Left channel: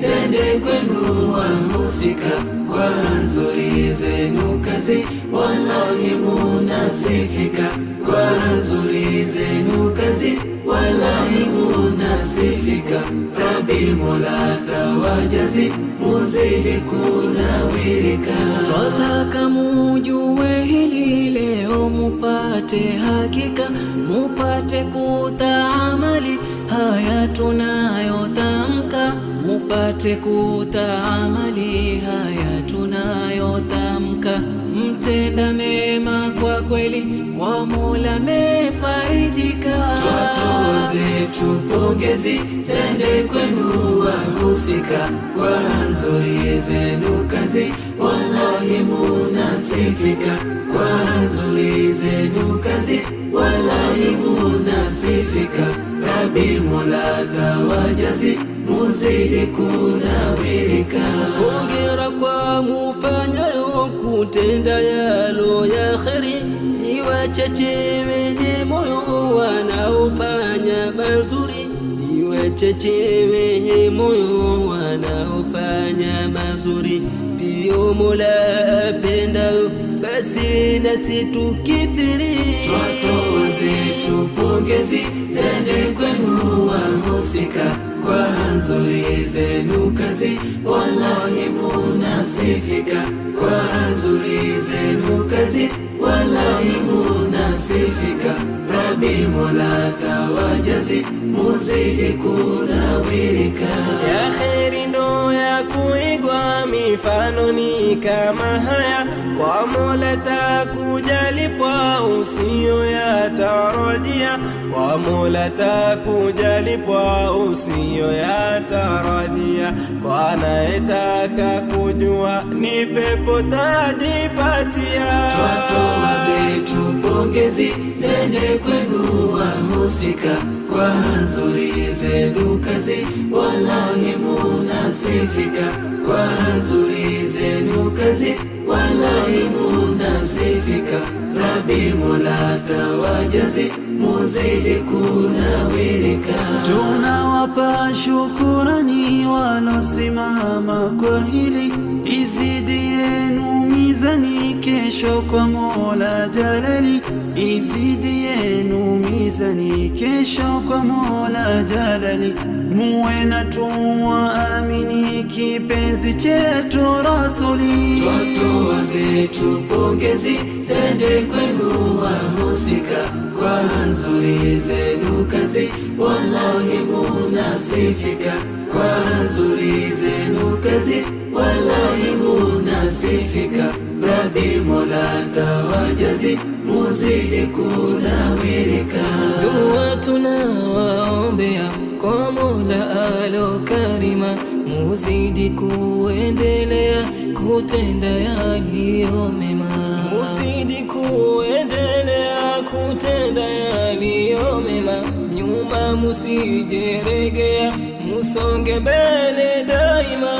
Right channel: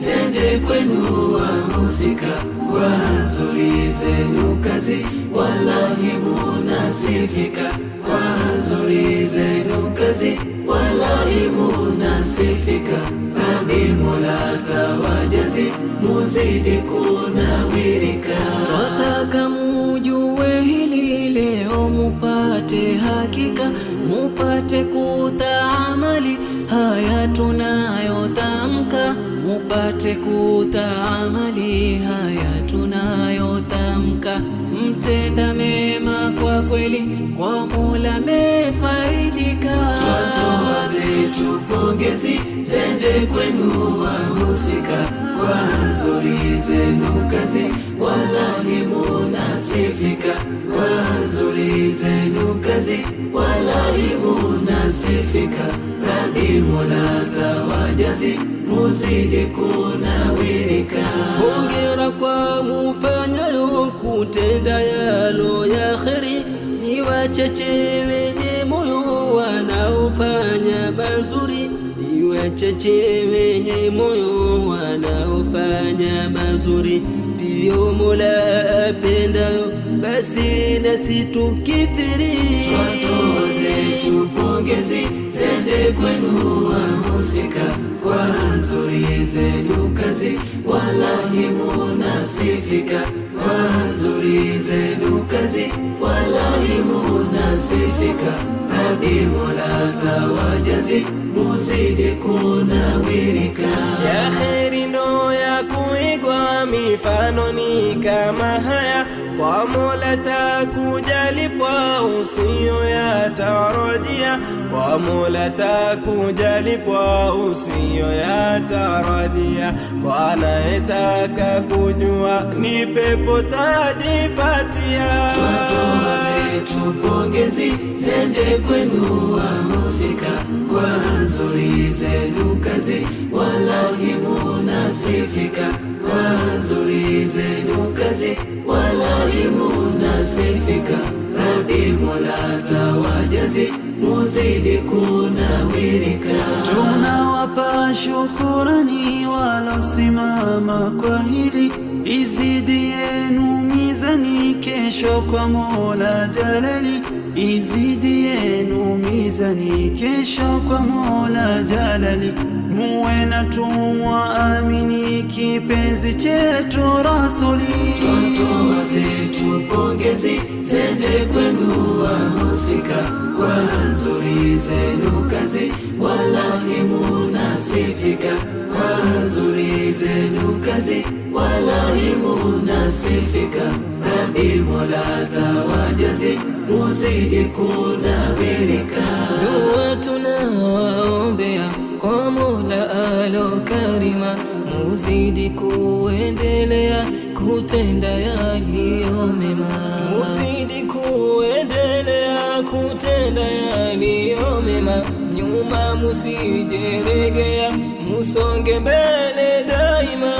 zende kwenu wahusika, kwa nzuri zenu kazi wallahi munasifika, kwa nzuri zenu kazi wallahi munasifika. Rabbi Mola tawajazi muzidi kunawirika. Twataka mujue hili leo mupate hakika, mupate kutaamali haya tunayotamka, mupate kutaamali haya tunayotamka. Mtenda mema kwa kweli, kwa Mola mefaidika. Twatoa zetu pongezi zende kwenu wahusika, kwa nzuri zenu kazi wallahi munasifika, kwa nzuri zenu kazi wallahi munasifika. Rabbi Mola tawajazi muzidi kunawirika. Hongera kwa mufanyayo kutenda yalo ya kheri, ni wachache wenye moyo wanaofanya mazuri, ni wachache wenye moyo wanaofanya mazuri. Ndiyo Mola apendayo, basi nasi tukithiri. Twatoa zetu pongezi zende kwenu wahusika, kwa nzuri zenu kazi wallahi munasifika, kwa nzuri zenu kazi wallahi munasifika. Rabbi Mola tawajazi muzidi kunawirika. Ya kheri ndo ya kuigwa, mifano ni kama haya, kwa Mola takujalipwa usiyo yatarajia, kwa Mola takujalipwa usiyo yatarajia. Kwa anayetaka kujua ni pepo tajipatia. Twatoa zetu pongezi zende kwenu wahusika, kwa nzuri zenu kazi wallahi munasifika, kwa nzuri zenu kazi wallahi munasifika. Rabbi Mola tawajazi muzidi kunawirika. Tunawapa shukurani walosimama kwa hili, izidi yenu mizani kesho kwa Mola Jalali, izidi yenu mizani kesho kwa Mola Jalali. Muwe na tumwamini kipenzi chetu Rasuli. Twatoa zetu pongezi zende kwenu wahusika, kwa nzuri zenu kazi wallahi munasifika, kwa nzuri zenu kazi wallahi munasifika. Rabbi Mola tawajazi muzidi kunawirika. Dua tunawaombea kwa Mola alo karima, muzidi kuendelea kutenda yaliyo mema, muzidi kuendelea kutenda yaliyo mema. Nyuma musijeregea, musonge mbele daima.